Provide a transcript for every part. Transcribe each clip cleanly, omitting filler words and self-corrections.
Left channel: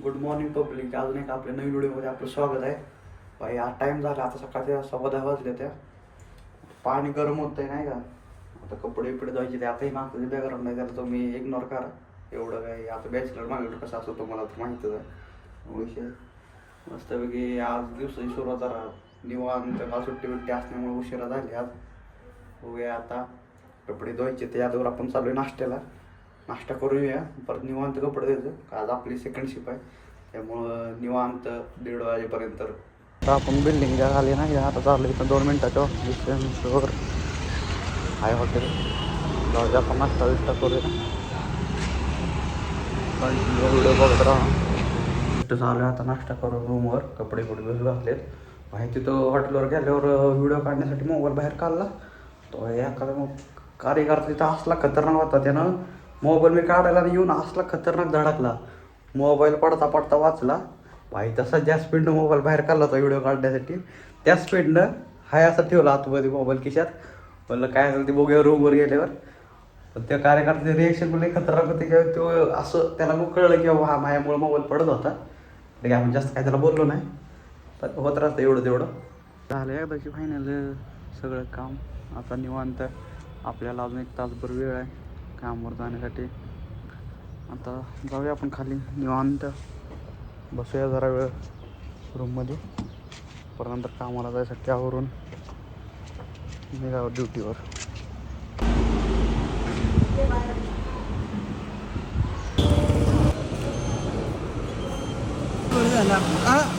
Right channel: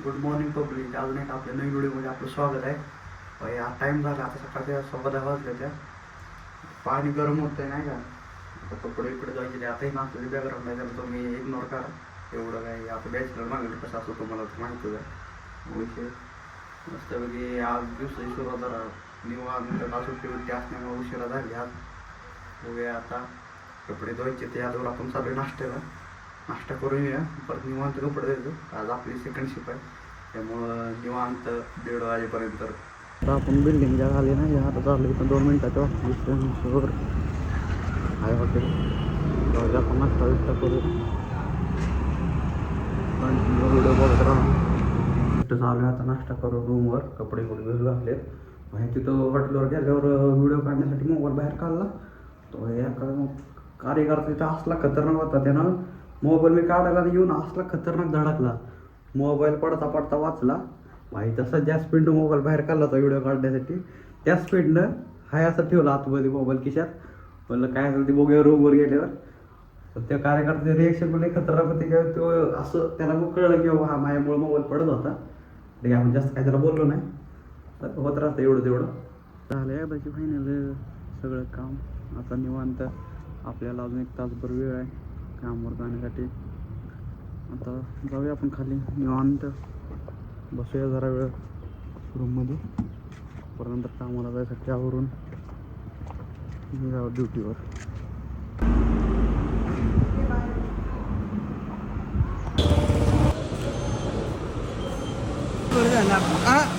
Good morning public. अजून एक आपल्या नवीन व्हिडिओमध्ये आपलं स्वागत आहे. भाई आज टाईम झाला, आता सकाळच्या 10:15 वाजल्या त्या. पाणी गरम होतंय नाही का. आता कपडे इकडे जायचे ते आताही मागचं ते गरम नाही त्याला तुम्ही इग्नोर करा. एवढं काही आता बॅचलर मागणी कसं असतो तुम्हाला माहितीच आहे विषय. मस्तपैकी आज दिवसाची सुरुवात जरा निवांत का सुट्टी असल्यामुळे उशिरा झाली. आज बघूया आता कपडे धुवायचे ते यादवर आपण चालू आहे नाश्त्याला. नाश्ता करून येऊया, परत निवांत कपडे द्यायचं. आज आपली सेकंड शिप आहे त्यामुळं निवांत 1:30 वाजेपर्यंत. आता आपण बिल्डिंगच्या खाली ना आता चाललं इथं 2 मिनटाचं विश्वेश्वर हाय हॉटेल. जाऊ आपण नाश्ता विष्टा करूया. व्हिडिओ बघत राहा. इथं चालू आहे आता नाश्ता करून रूमवर. कपडे घातलेत. बाहेर तिथं हॉटेलवर गेल्यावर व्हिडिओ काढण्यासाठी मोबाईल बाहेर काढला तो एखादा मग कार्यकर्ता तिथं असला खतरनाक होता. त्यानं मोबाईल मी काढायला येऊन असला खतरनाक धडकला. मोबाईल पडता पडता वाचला भाई. तसा ज्या स्पीडनं मोबाईल बाहेर काढला होता व्हिडिओ काढण्यासाठी त्या स्पीडनं हाय असं ठेवला आतमध्ये मोबाईल खिशात. म्हणलं काय असेल ते बघूया रूमवर गेल्यावर. तर त्या कार्यकर्त्याचे रिॲक्शन पण खतरनाक होते की तो असं त्याला मग कळलं की बाबा हा माझ्यामुळे मोबाईल पडत होता. ठीक आहे, आम्ही जास्त काय त्याला बोललो नाही, पण होत राहतं एवढं तेवढं. झालं एकदाची फायनल सगळं काम. आता निवांत आपल्याला अजून 1 तासभर वेळ आहे कामावर जाण्यासाठी. आता जाऊया आपण खाली निवांत बसूया जरा वेळ रूममध्ये. परत कामाला जायसाठी आवरून निघावं ड्युटीवर.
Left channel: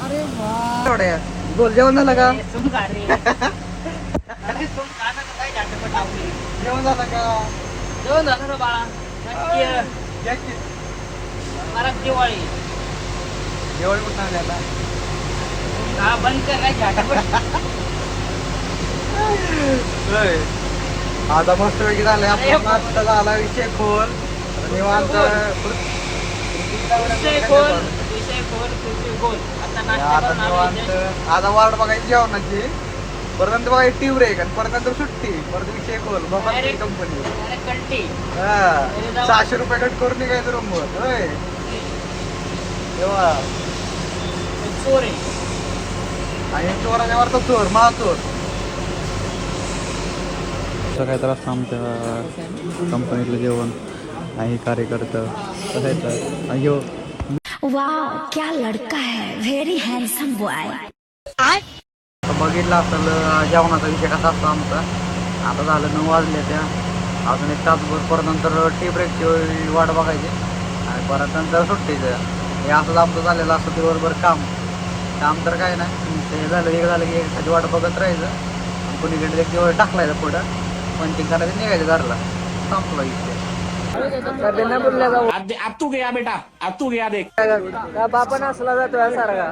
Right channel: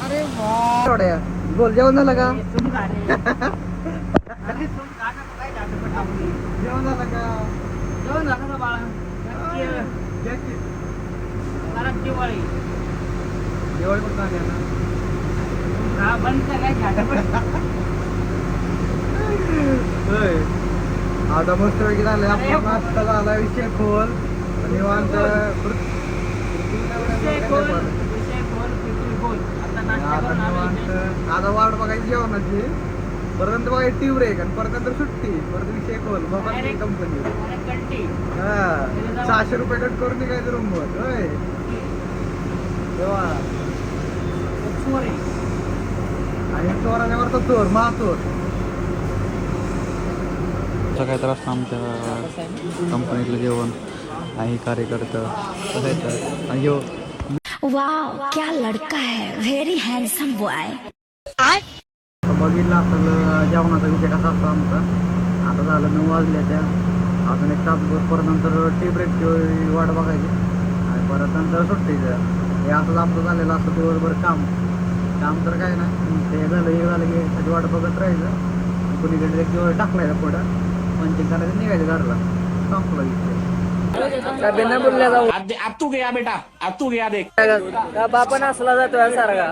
अरे वा गोल जेवण झालं का? जेवण झालं का? जेवण झालं ना बाळा. दिवाळी जेवण कुठं आले आता? हा बंद कर काय झाटापट. आता मस्त वेगळी झाले आपला नाश्ता झाला. विषय खोल निवांत विषय खोल पृथ्वी गोल. आता नाश्ता आता करून निवांत. आलो. आता वाट बघायची जेवणाची. परत बघा टीव्ही ब्रेक आणि परत सुट्टी. परत विषय खोल कंपनी. कंटी 600 रुपये कट करून निघायचं रूमवर. होय तेव्हा चोर आहे. आणि चोराच्या वरचा चोर मा चोर. काय तर असतं आमच्या कंपनीतलं जेवण आणि कार्यकर्ता बघायचं. अयो वाह क्या लड़का है, वेरी हैंडसम बॉय. बघितलं आपलं जेवणाचा विषय कसा असतो आमचा. आता झालं 9 वाजले त्या. अजून 1 तासभर परत नंतर टी ब्रेकची वाट बघायची आणि परत नंतर सुट्टीचं. हे असंच आमचं झालेलं असतं दिवसभर काम. काम तर काय नाही, ते झालं एक झालं की एखादी वाट बघत राहायचं. कोणीकडे एक दिवस टाकलायचं पुढं पण ते करायचं निघायचं घरला. संपलं विषय. अब तू गया बेटा, अब तू गया देख. बापन असला जातोय सारखा.